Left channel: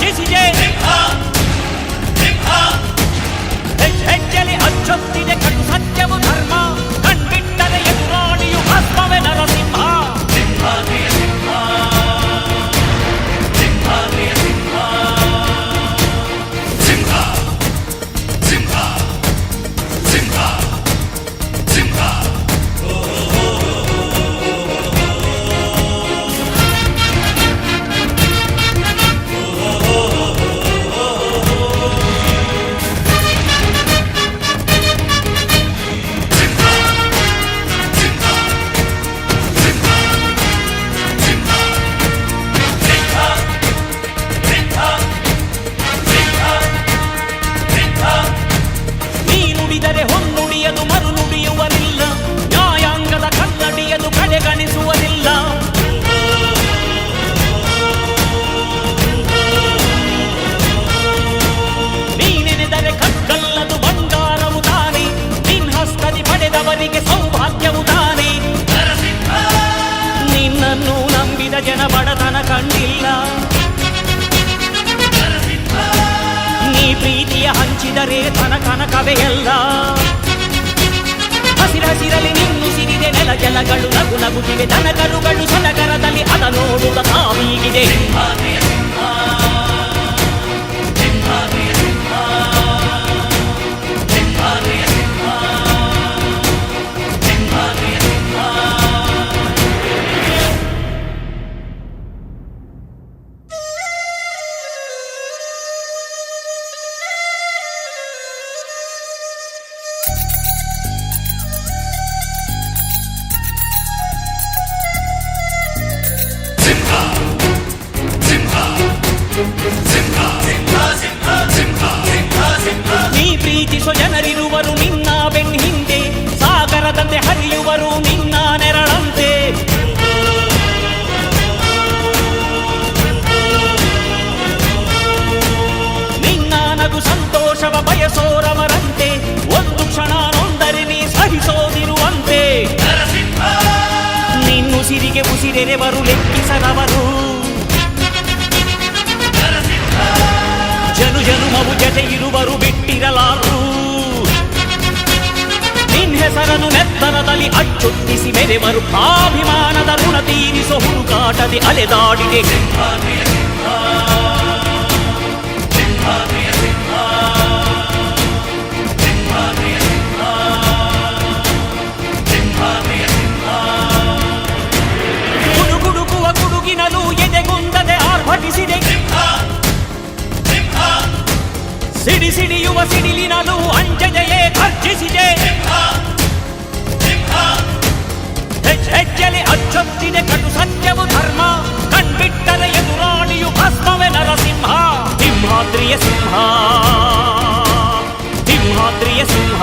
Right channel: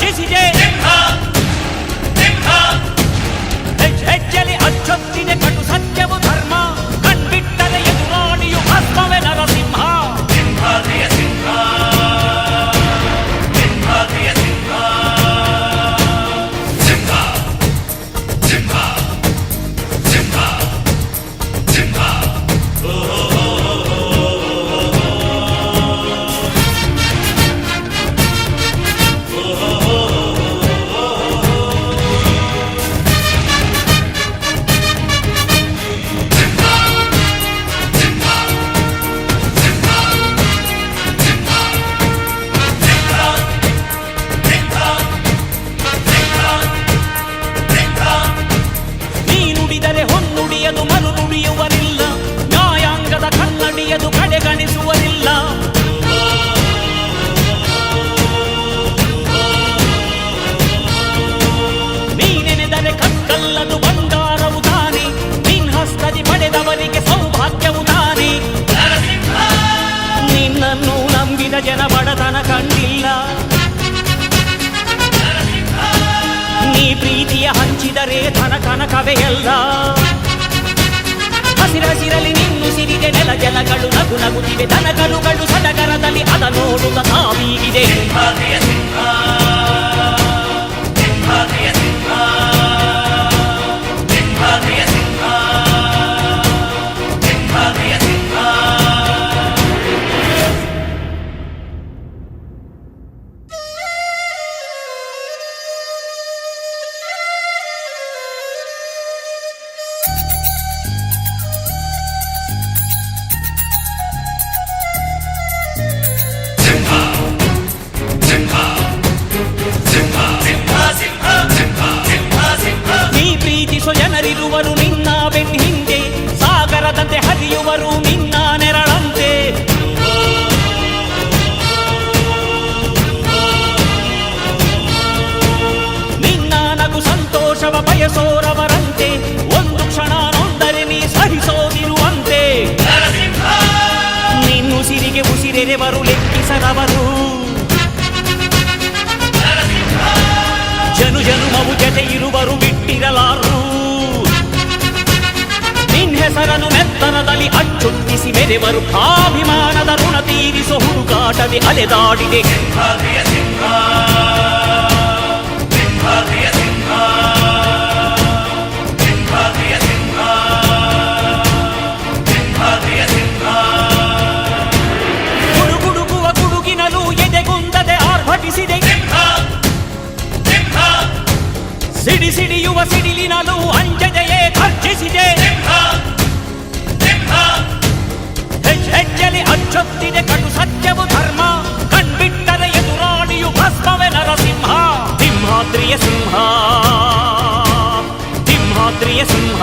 ಗರ್ಜಿಸಿದೆ. ಹೆಜ್ಜೆಲಿ ಅಚ್ಚೊತ್ತಿದೆ ಕಟು ಸತ್ಯವು ಧರ್ಮ, ಕಣ್ಬಿಟ್ಟರೆ ಎದುರಾಳಿಯು ಭಸ್ಮವೇ ನರಸಿಂಹ. ಹೊನ್ನುಡಿಯದು ಮರು ನುಡಿಯುವರಿಲ್ಲ, ನ್ಯಾಯಾಂಗದ ಕನ್ನಡಿಯದು ಕಡೆಗಣಿಸುವರಿಲ್ಲ. ನೀನೆನೆದರೆ ಕಕ್ಕಲ್ಲದು ಬಂಗಾರವು ತಾನೆ, ನಿನ್ ಹಸ್ತದಿ ಪಡೆದವರಿಗೆ ಸೌಭಾಗ್ಯವು ತಾನೆ. ನಿನ್ನನ್ನು ನಂಬಿದ ಜನ ಬಡತನ ಕಂಡಿಲ್ಲ, ನೀ ಪ್ರೀತಿಯ ಹಂಚಿದರೆ ಧನ ಕನಕವೇ ಎಲ್ಲ. ಹಸಿರಸಿರಲಿ ನಿನ್ನು ಸಿರಿದೆ ನೆಲ ಜಲಗಳು ನಗು ನಗುತ್ತಿವೆ, ದನ ಕರುಗಳು ಸಡಗರದಲ್ಲಿ ಅದ ನೋಡುತ್ತ ತಾವೀಗಿದೆ. ಪ್ರೀತಿಸೋ ಜನರಿರುವರು ನಿನ್ನ ಬೆನ್ ಹಿಂದೆ, ಸಾಗರದಂತೆ ಹರಿಯುವರು ನಿನ್ನ ನೆರಳಂತೆ. ನಿನ್ನ ನಗು ಸಂತೋಷವ ಬಯಸೋರವರಂತೆ, ಒಂದು ಕ್ಷಣ ನೊಂದರೆ ನೀ ಸಹಿಸೋದಿರುವಂತೆ. ನಿನ್ನುಸಿರಿಗೆ ಉಸಿರೆರೆವರು ಲೆಕ್ಕಿಸರವರು, ಜನು ಜನುಮವು ಜತೆ ಇರುವರು ಬಿಟ್ಟಿರಲಾರು. ನಿನ್ ಹೆಸರನ್ನು ನೆತ್ತರದಲ್ಲಿ ಅಚ್ಚೊತ್ತಿಸಿ ಮೆರೆವರು, ಅಭಿಮಾನದ ಋಣ ತೀರಿಸೋ ಹುಡುಕಾಟದೆ ಅಲೆದಾಡಿದೆ. ಗುಡುಗುಡುಗುವ ಗುಡುಗಿನಲು ಎದೆಗುಂದದೆ ಆರ್ಭಟಿಸಿದೆ, ಸಿಡಿ ಸಿಡಿಯುವ ಸಿಡಿಲಿನಲು ಅಂಜದೆಯೇ ಗರ್ಜಿಸಿದೆ. ಹೆಜ್ಜೆಲಿ ಅಚ್ಚೊತ್ತಿದೆ ಕಟು ಸತ್ಯವು ಧರ್ಮ, ಕಣ್ಬಿಟ್ಟರೆ ಎದುರಾಳಿಯು ಭಸ್ಮವೇ ನರಸಿಂಹ. ಸಿಂಹಾದ್ರಿಯ ಸಿಂಹ, ಸಿಂಹಾದ್ರಿಯ ಸಿಂಹ.